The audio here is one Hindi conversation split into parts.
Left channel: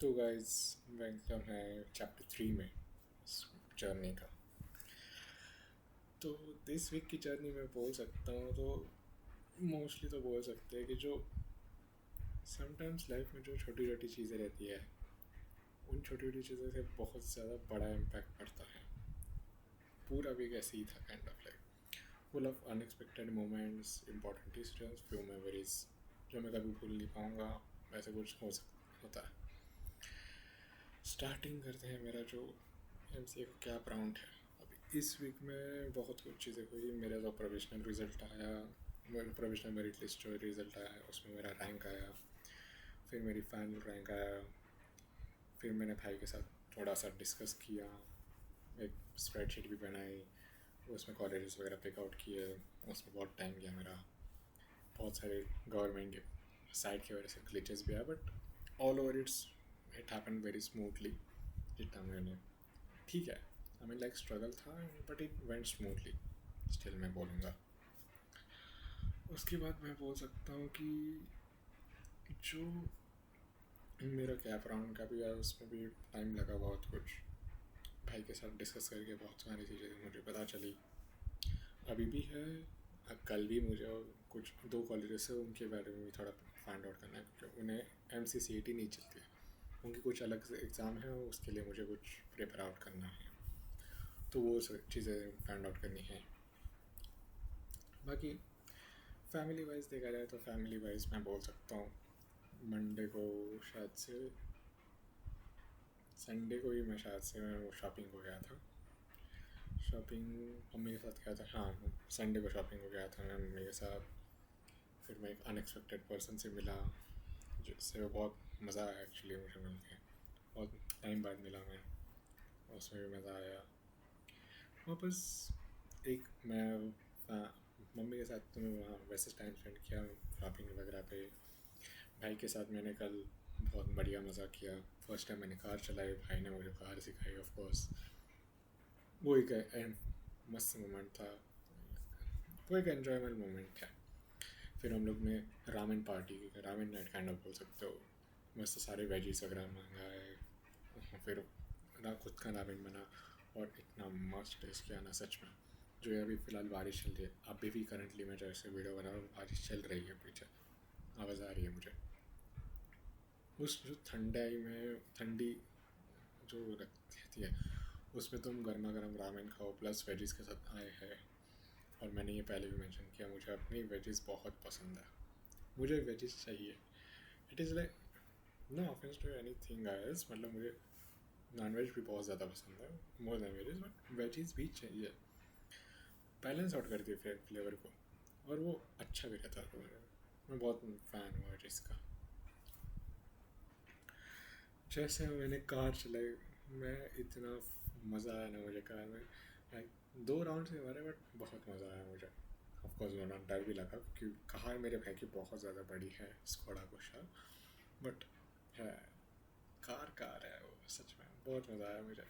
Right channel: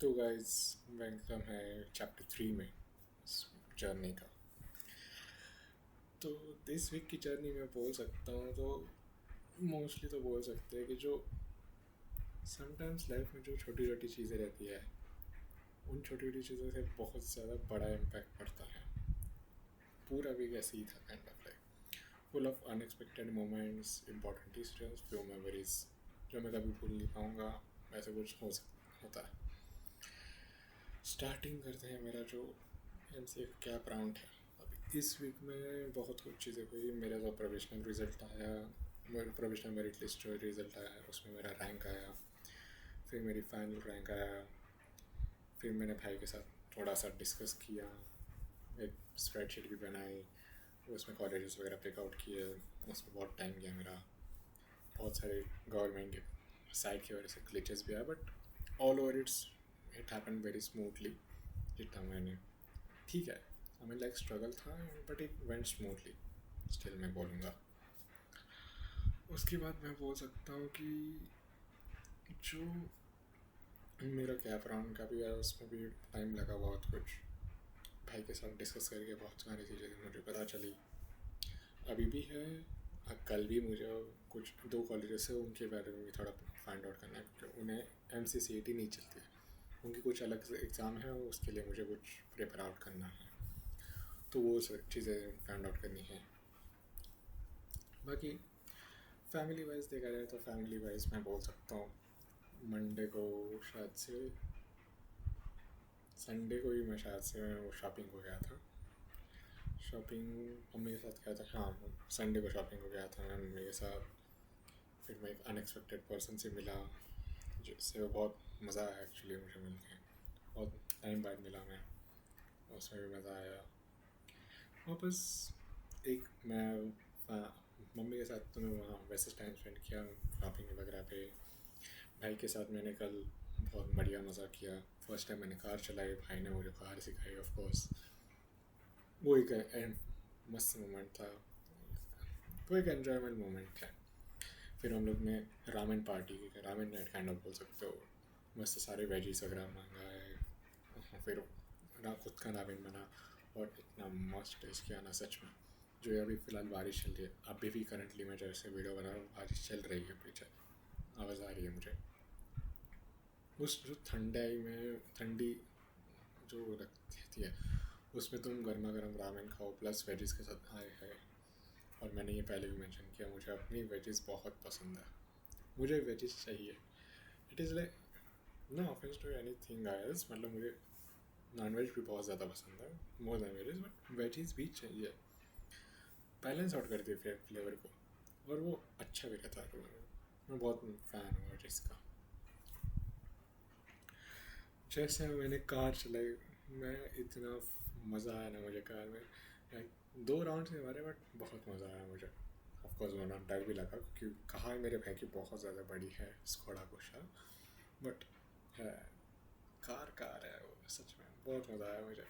तो गाइस वेलकम है चैप्टर 3 में इस जर्नी का। तो दिस वीक की जर्नी में बोल सकता हूँ तो मोस्टली तो बोल सकते हैं कि जो समटाइम्स लाइफ में जो छोटी छोटी चीज़ें रहती है उन छोटी छोटी चीज़ों से बहुत ज़्यादा बड़ा इम्पैक्ट पड़ता है। पूरा वीक ऐसे ही था kind of like full of unexpected moments, important decisions, few memories जो मैं कभी भूल नहीं पाऊँगा। वैसे कुछ होता है। स्टार्टिंग करते हैं मेरा जो एमसीए का कैप राउंड है। अभी इस वीक में बहुत कुछ चीज़ें हुई। मेरा जो प्रोविजनल रिज़ल्ट आया, मेरा प्रोविजनल मेरिट लिस्ट जो रिज़ल्ट आया उसमें मेरा रैंक आया, फिर मेरी फाइनल रैंक आया। फिर मैंने भाई के साथ थोड़ा सा डिस्कस किया, एक स्प्रेडशीट भी बनाई, उसमें कॉलेजेस वगैरह पिकआउट किए। उसमें बहुत टाइम गया मेरा, बहुत सारे गवर्नमेंट के साइड की वजह से ग्लिचेस भी आया, but all over it happen very smoothly. जितना मैंने ठीक है, आई मीन लाइक स्ट्रगल था but it went smoothly still मैं बोलूँगा। उसके बाद मैं बोल सकता हूँ कि जो मेरा कैप राउंड का भी है उसमें भी टाइम लगा बहुत कुछ। भाई के साथ डिस्कस करके बहुत सारी चीज़ें मुझे पता चली, अभी भी है। कल भी मुझे कुछ 2 कॉलेजेस से उनके बारे में भी थोड़ा फाइंड आउट करना है क्योंकि उन्हें MCCAT नहीं चलती है, उनकी कुछ अलग एग्ज़ाम है, उसके लिए मुझे कुछ प्रिपेयर आउट करना है, तो वो चीज़ें फाइंड आउट करनी है। बाकी फैमिली वाइज देखा जाए तो फैमिली वाइज मैं बोल सकता हूँ मंडे को शायद से, संडे को ही मैं शायद से मैं शॉपिंग को गया था। शॉपिंग मम्मी के साथ गया था, हाँ संडे को शॉपिंग को गया था मैं मम्मी के साथ। फिर मैं एक अनएक्सपेक्टेड पर्सन से मिला जिससे बहुत मज़ा आया एक्चुअली मुझे मिल के। बहुत टाइम बाद मिला मैं, उसमें भी मज़ा आया। वापस एक मैं मम्मी के साथ तो मैं वहाँ वैसे टाइम स्पेंड किया शॉपिंग वगैरह पे। भाई के साथ मैंने कल बहुत बढ़िया मज़ा किया। फर्स्ट टाइम मैंने कार चलाई, भाई ने मुझे कार सिखाई ऑफ कोर्स। वो एक मस्त मोमेंट था, वो एक एन्जॉयबल मोमेंट है। फिर हम लोग ने रामेन पार्टी की, रामेन नाइट काइंड ऑफ बोल सकते हो। मस्त सारे वेजीज वगैरह मंगाए, फिर खुद का रामेन बना और इतना मस्त टेस्ट किया ना सच में। जो अभी फ़िलहाल बारिश चल रही है, अभी भी करंटली मैं जैसे वीडियो बना रहा हूँ बारिश चल रही है, पीछे आवाज़ आ रही है मुझे। उस जो ठंडाई में ठंडी जो रहती है उसमें तुम गर्मा गर्म रामेन खाओ प्लस वेजिस के साथ आए हैं। और मैंने ये पहले भी मेंशन किया, मुझे अपनी वेजिस बहुत पसंद है, मुझे वेजिस चाहिए। It is like no offence to any thing guys, मतलब मुझे नॉन वेज भी बहुत ज़्यादा पसंद है more than veggies, but veggies भी चाहिए, बैलेंस आउट करती है फ्लेवर को और वो अच्छा भी रहता है। तो मैं बहुत फ़ैन हूँ वेजिस का। जैसे मैंने कार चलाई, मैं इतना मज़ा आया ना मुझे कार में। लाइक 2 राउंड से हमारे, बट बहुत मज़ा आया मुझे। ऑफकोर्स वरना डर भी लगा क्योंकि कार मेरे भाई की बहुत ज़्यादा बड़ी है, स्कोडा कोशा, बट है कार कार है वो। सच में बहुत मज़ा आया मुझे।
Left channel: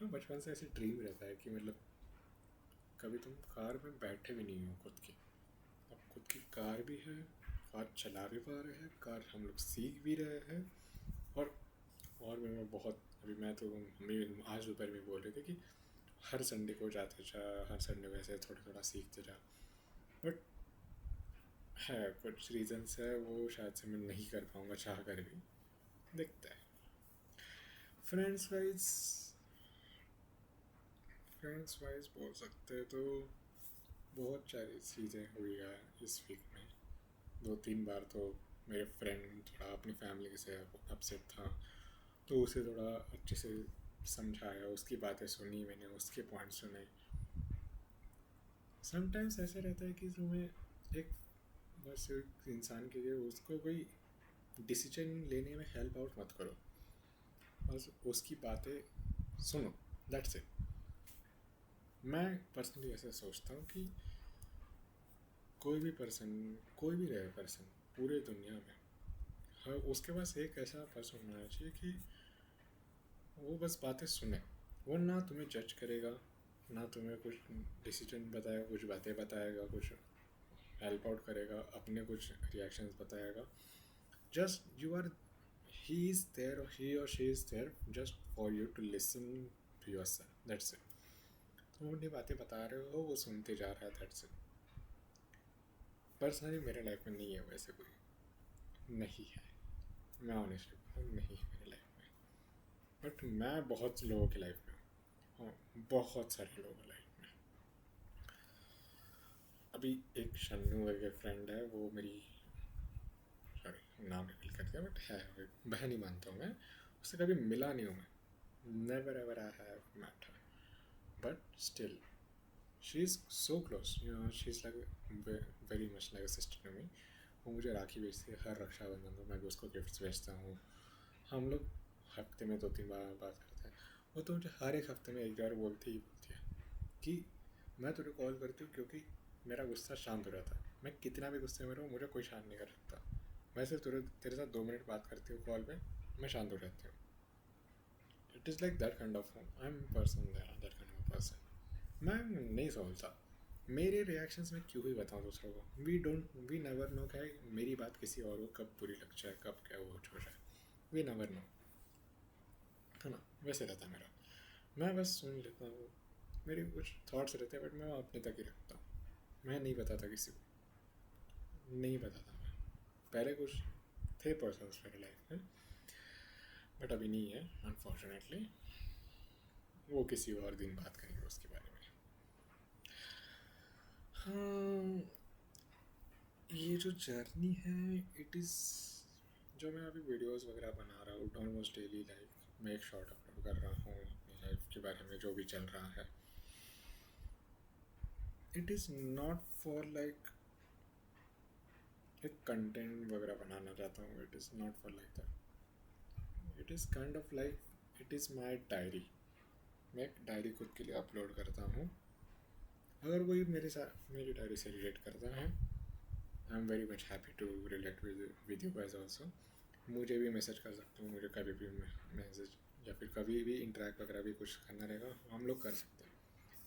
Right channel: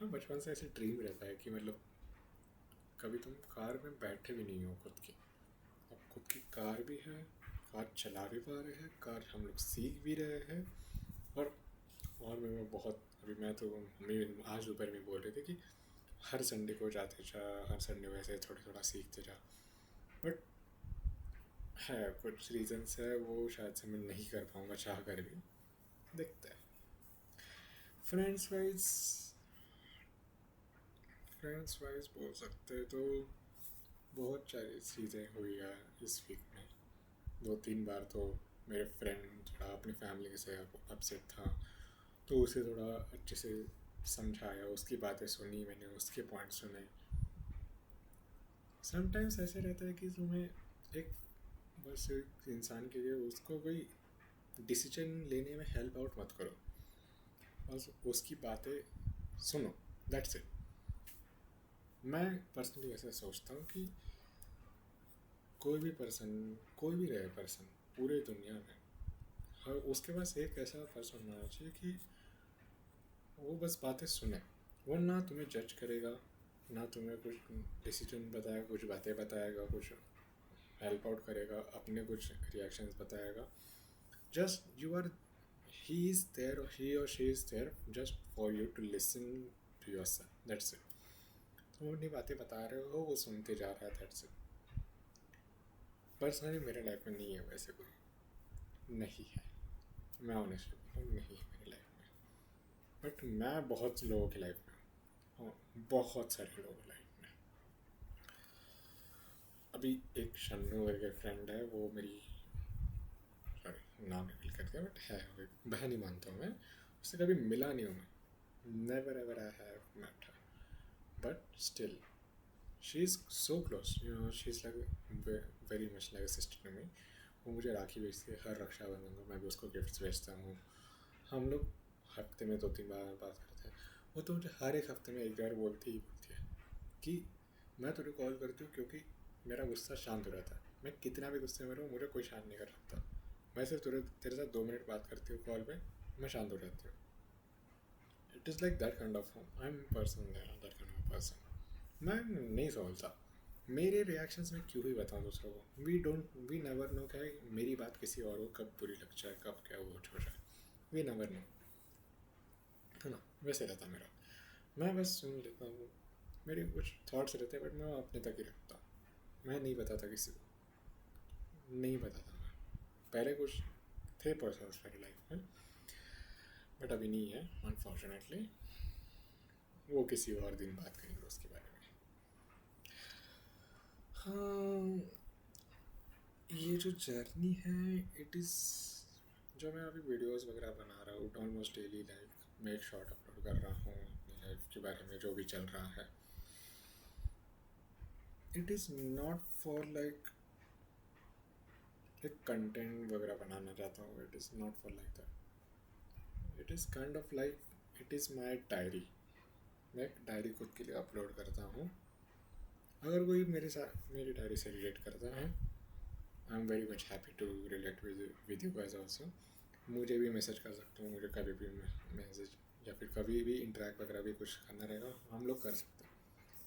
हाँ, बचपन से ऐसे ड्रीम रहता है कि मतलब कभी तुम कार में बैठे भी नहीं हो खुद की, अब खुद की कार भी है, कार चला भी पा रहे हैं, कार हम लोग सीख भी रहे हैं। और मैं बहुत अभी मैं तो मम्मी आज दोपहर में बोल रही थी कि हर संडे को जाते जा, हर संडे को ऐसे थोड़ा थोड़ा सीखते जा, बट है कुछ रीजंस है वो शायद से मैं नहीं कर पाऊँगा चाह कर भी, देखते हैं। फ्रेंड्स वाइज फ्रेंड्स वाइज बोल सकते तो बहुत सारी चीज़ें हुई है इस वीक में। 2-3 बार तो मेरे फ्रेंड थोड़ा अपनी फैमिली से अपसेट था, तो उसे थोड़ा अच्छे से समझाया, उसकी बातें सुनी मैंने, उसके पॉइंट सुने। समटाइम्स ऐसे रहता है कि तुम्हें एक बस एक इंसान के लिए उसको कोई डिसीजन लेने में हेल्प आउट मत करो, बस उसकी बातें सुनो, दैट्स इट। मैं पर्सनली ऐसा सोचता हूँ कि कोई भी पर्सन, कोई भी रहे पर्सन पूरे दुनिया में, हर उसके पास एक ऐसा पर्सन होना चाहिए कि वो बस बातें सुने। वो ना तुम्हें जज करेगा, ना तुम्हें कुछ डिसीजन बताएगा, कुछ बातें बताएगा, कुछ हेल्प आउट करेगा, अपने कुछ रिएक्शंस बताएगा। Just you are he is there और ही और she is there just for you to listen to yourself, that's it. तुम अपनी बातें बता रहे हो, वो सुनते जा रहा है, दैट्स इट। पर्सनली मेरे लाइफ में नहीं है वैसे कोई, नहीं है, मैं ऑनेस्टली बोल रहा हूँ, नहीं है मेरी लाइफ में। बट मैं बहुत लोगों की लाइफ में हूँ, हाँ, बहुत सारे लोगों की लाइफ में। अभी एक शन्नू करके फ्रेंड है, वो मेरी, सॉरी नाम रिवील कर दिया, बट है वो एक बहन ही मानता हूँ मैं, उससे कभी मिला नहीं हूँ मैं, never ever I have met her, but still she is so close, you know, she is like very much like a sister to me. वो मुझे राखी भेजती है हर रक्षाबंधन को, मैं भी उसको गिफ्ट्स भेजता हूँ। हम लोग हफ्ते में 2-3 बार बात करते हैं। वो तो मुझे हर एक हफ्ते में एक बार बोलती ही बोलती है कि मैं तुझे कॉल करती हूँ क्योंकि मेरा गुस्सा शांत हो जाता है। मैं कितना भी गुस्से में रहूँ, मुझे कोई शांत नहीं कर सकता। मैं सिर्फ तेरे साथ 2 मिनट बात करती हूँ कॉल पे, मैं शांत हो जाती हूँ। It is like that kind of, I am person that kind of person. मैं नहीं सोचता मेरे रिएक्शंस में क्यों ही बताऊँ दूसरों को। वी नेवर नो क्या मेरी बात किसी और को कब बुरी लग जाए, कब क्या वो हो जाए, वी नेवर नो, है ना। वैसे रहता मेरा, मैं बस सुन लेता हूँ, मेरे कुछ थॉट्स रहते हैं बट मैं अपने तक ही रखता हूँ। मैं नहीं बताता किसी को, नहीं बताता मैं। पहले कुछ थे पर्सन्स मेरे लाइफ में, बट अभी नहीं है अनफॉर्चुनेटली। वो किसी और दिन बात करेंगे उसके बारे में। हाँ, ये जो जर्नी है, इट इज़, जो मैं अभी वीडियोस वगैरह बना रहा हूँ ऑलमोस्ट डेली, लाइक मैं एक शॉर्ट अपलोड कर रहा हूँ अपनी लाइफ के बारे में जो भी चल रहा है। It is not for like एक कंटेंट वगैरह बनाना चाहता हूँ, it is not for like that. It is kind of like, it is my diary. मैं एक डायरी खुद के लिए अपलोड करता हूँ। अगर कोई मेरे साथ मेरी डायरी से रिलेट करता है, I am very much happy to relate with you guys also. मुझे भी मैसेज कर सकते हो, मुझे कभी भी मैसेज या फिर कभी भी इंटरेक्ट वगैरह भी कुछ करना रहेगा, हम लोग कर सकते हैं।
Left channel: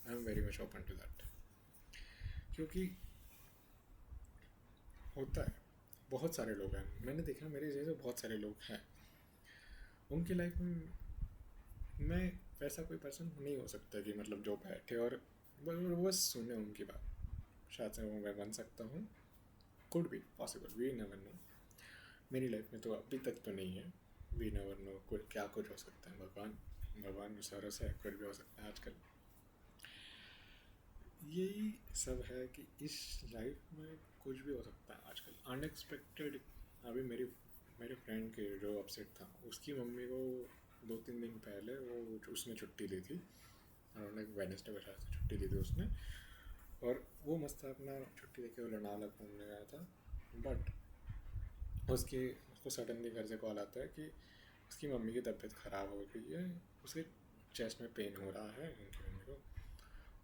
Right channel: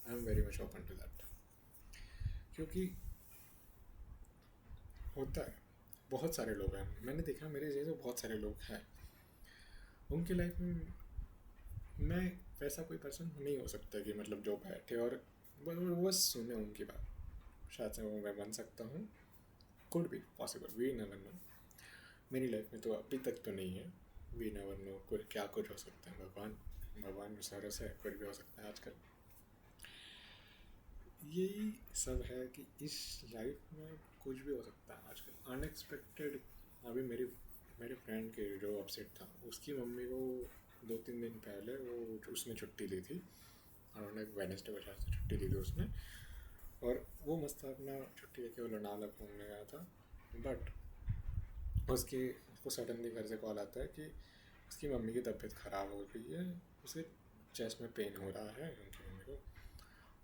I am very much open to that, क्योंकि होता है, बहुत सारे लोग हैं, मैंने देखा मेरे जैसे बहुत सारे लोग हैं, उनकी लाइफ में मैं वैसा कोई पर्सन नहीं हो सकता कि मतलब जो बैठे और बस सुने उनकी बात। शायद से वो मैं बन सकता हूँ, could be possible, we never know. मेरी लाइफ में तो अभी तक तो नहीं है, वी नेवर नो कोई क्या कुछ हो सकता है। भगवान भगवान भरोसा है, कुछ भी हो सकता है आजकल। यही सब है कि इस लाइफ में कुछ भी हो सकता है आजकल, अनएक्सपेक्टेड। अभी मेरे फ्रेंड के जो अपसेट था, उसकी मम्मी को 2-3 दिन पहले वो उसने छुट्टी ली थी, उन्होंने वेडनेसडे को शायद से छुट्टी ली थी उसने, और वो मस्त अपना छुट्टी लेके वो लोनावला घूमने गया था। बट उसको सडनली घर से कॉल आता है कि उसकी मम्मी की तबीयत ख़राब हो गई है, उसके चेस्ट में पेन हो रहा है उनकी मम्मी को,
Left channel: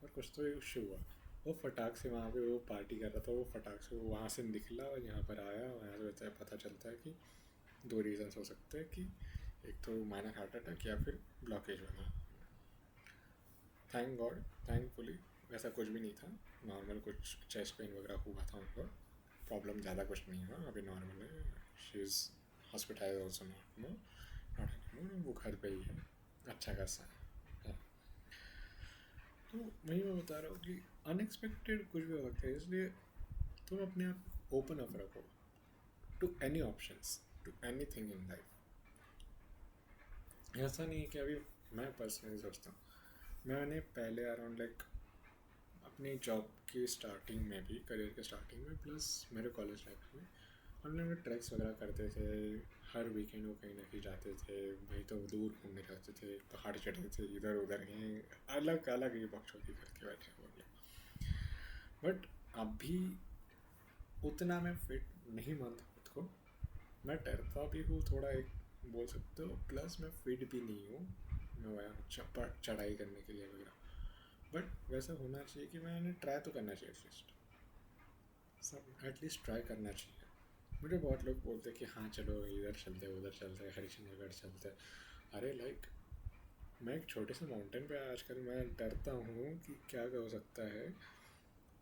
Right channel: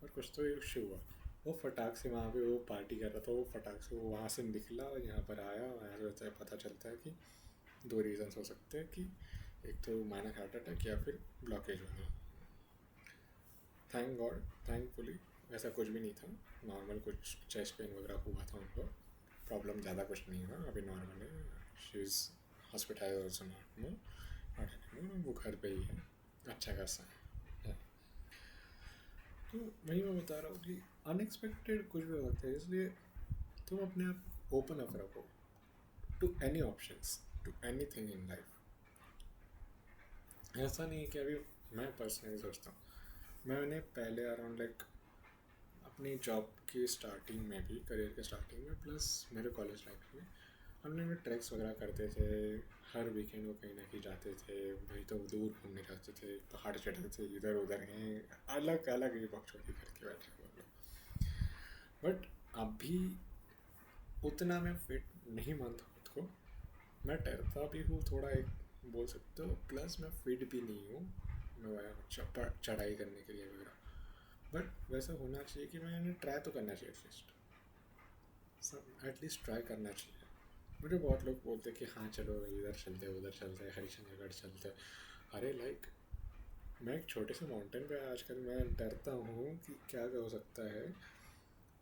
और कुछ तो इशू हुआ। वो फटाक से वहाँ पे वो पार्टी कर रहा था, वो फटाक से वो वहाँ से निकला और यहाँ पर आया। यहाँ से पता चलता है कि 2 रीज़न्स हो सकते हैं, कि एक तो माइनर हार्ट अटैक या फिर ब्लॉकेज वगैरह। थैंक गॉड, थैंकफुली वैसा कुछ भी नहीं था, नॉर्मल कुछ चेस्ट पेन वगैरह हुआ था उनको, प्रॉब्लम ज़्यादा कुछ नहीं हुआ, अभी नॉर्मल है। She is hospitalise also, not anymore, वो घर पे ही है, अच्छा खासा है। तो वही मैं बता रहा हूँ कि अनएक्सपेक्टेड कुछ भी हो सकता है, इसलिए तुम अपने आप ओपन अप रखो to any options, to any thing in life. ऐसा नहीं है कि अभी मैं पर्सनली सोचता हूँ, मैंने पहले अराउंड लाइक अपनी जॉब की स्टार्टिंग में भी, करियर के स्टार्टिंग में, प्लस मेरे कॉलेज लाइफ में, हम लोग ट्रैक्स वगैरह करते थे। हर वीकेंड वो कहीं ना कहीं जाते थे, वहीं तो दूर घूमने जाते थे, पहाड़ चढ़ते थे, इधर उधर कहीं अलग अलग ही बकचोदी करके बैठे हुए लोग। बट अभी उतना मैं फिट नहीं मानता खुद को, मैं डरता भी हूँ थोड़ा, एक बोल सकते हो, प्लस मैं फिट भी नहीं हूँ मैं चढ़ाई करने के लिए वगैरह। बट वैसा होना चाहिए कि मैंने ट्राई तो करना चाहिए, एटलीस्ट सब एटलीस्ट ट्राई करना चाहिए। मुझे बहुत लोग बोलते हैं कि हाँ चलो इधर चलते उधर चलते हरिश्चंद्रगढ़ चलते। अरे लाइक मैं एक छोटे से माउंटेन पे आजकल मैं डरता हूँ कि क्या हो सकता है।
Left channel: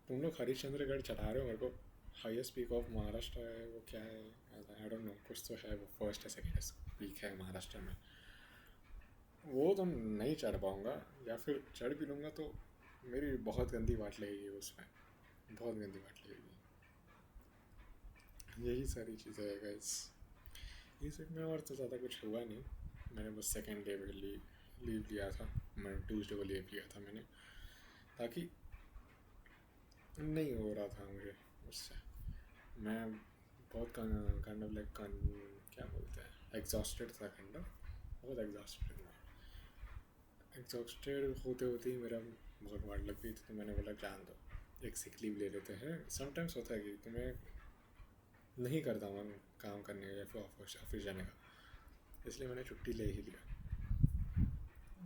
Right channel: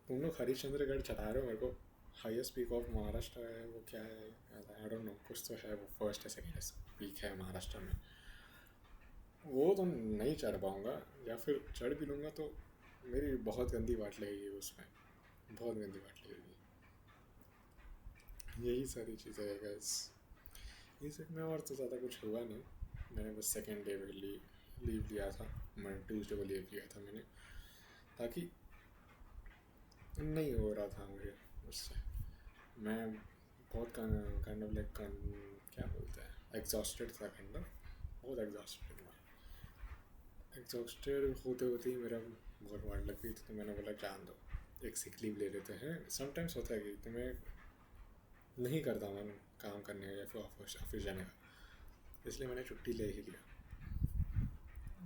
तुम लोग हरिश्चंद्रगढ़ चढ़ा रहे हो मेरे को, हाईएस्ट पीक ऑफ महाराष्ट्र है वो क्या है, आई डोंट नो, कुछ तो है वो, फर्स्ट है सेकेंड पीक है महाराष्ट्र में। वो तो नहीं चढ़ पाऊँगा, या फिर चढ़ भी लूँगा तो मेरी बहुत गंदी वाट लगेगी उसमें, बहुत गंदी वाट लगेगी। यही सारी चीज़ें है गाइस। इस वीक में और तो ज़्यादा कुछ हुआ नहीं। मैंने बस सेकेंड डे के लिए लीव लिया था, मैं ट्यूसडे को लीव लिया था मैंने, ताकि नहीं हो रहा था मुझे उससे। मैं बहुत काइंड ऑफ लाइक क्या बोलते हैं, एग्जॉस्टेड था, काइंड ऑफ बहुत एग्जॉस्टेड था। एग्जॉस्टेड होते होते ही मेरा बहुत वाट लग गई थी, तो मैंने बोला जान दो, एक सिक लीव ले लेते हैं। समटाइम्स होता है कि तुम्हें नहीं करता मन काम करने का या फिर ऑफिस जाने का, इसलिए मैंने छुट्टी ले ही लिया।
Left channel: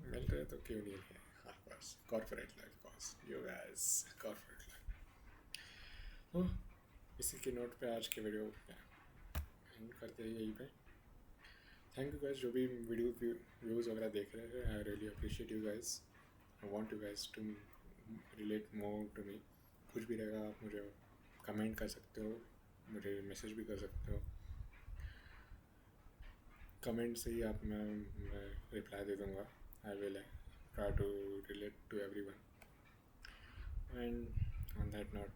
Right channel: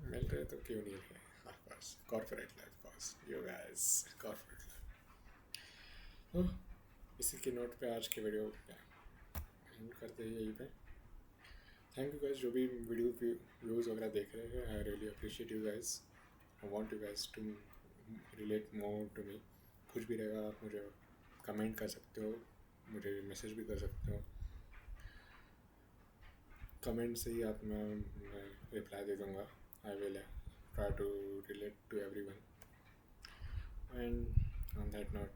मिल रहे तो क्यों नहीं लिए, of course corporate life, course you guys, corporate life. इसी के नोट पे आज की वीडियो एंड करते हैं यहीं पे। थैंक यू गाइस जो भी वीडियो व्यूज़ वगैरह देख रहे हैं, I really appreciate you guys. I want you guys to relate more to me. कुछ भी रहेगा आप मुझे कमेंट कर सकते हो, मुझे मैसेज भी कर सकते हो। कमेंट से ही आप मैं रिप्लाई दे दूँगा। I will try to relate to everyone. And on that note,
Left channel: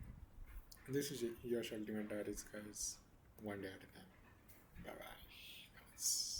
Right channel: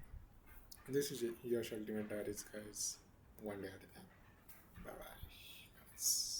this is your ultimate diaries guys, one day at a time. Bye bye guys.